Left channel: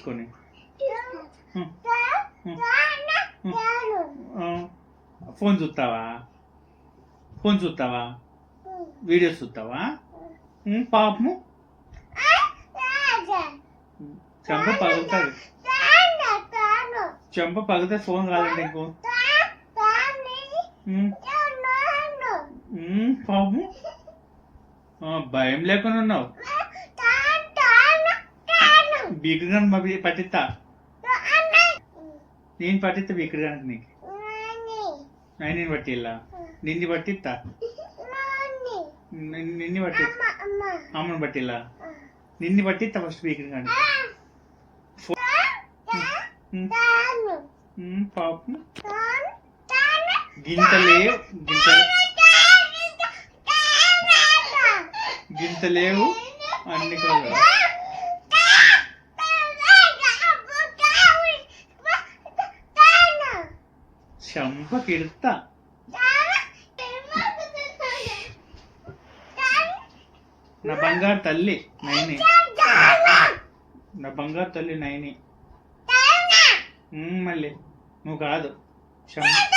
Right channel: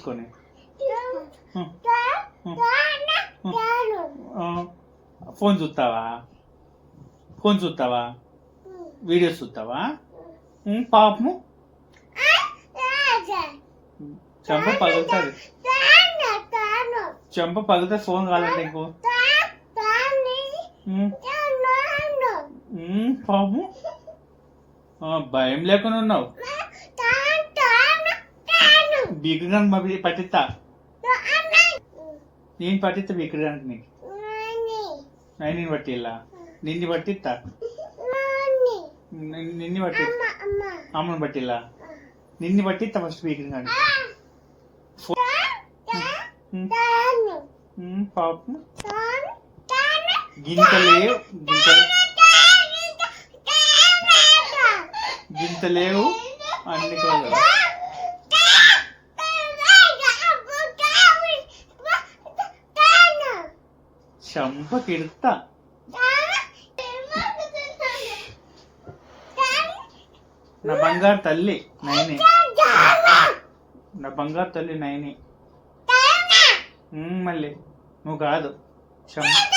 తీసుకొని ఫోన్ చూస్తావా వీడియోస్ చూస్తావా పాపము చెంప పగులుతుంది ఫోన్ కాదండి ఇంకో పాపము భయం లేకుండా ఉన్నావు బీకగా పట్టిస్తా నేను పట్టిస్తా బీకడానికి నీకు నేను పట్టిల్లా నిన్ను పట్టిస్తా నిన్ను పట్టి అమ్మను పట్టిల్లా నిన్ను పట్టిస్తా ఫస్ట్ బీకర్ కానీ పాపం గింత లేవు అన్ని కాదు చంపకిడుతా నా బంగారు తల్లి నైని మళ్ళీ నువ్వు కాదు చంప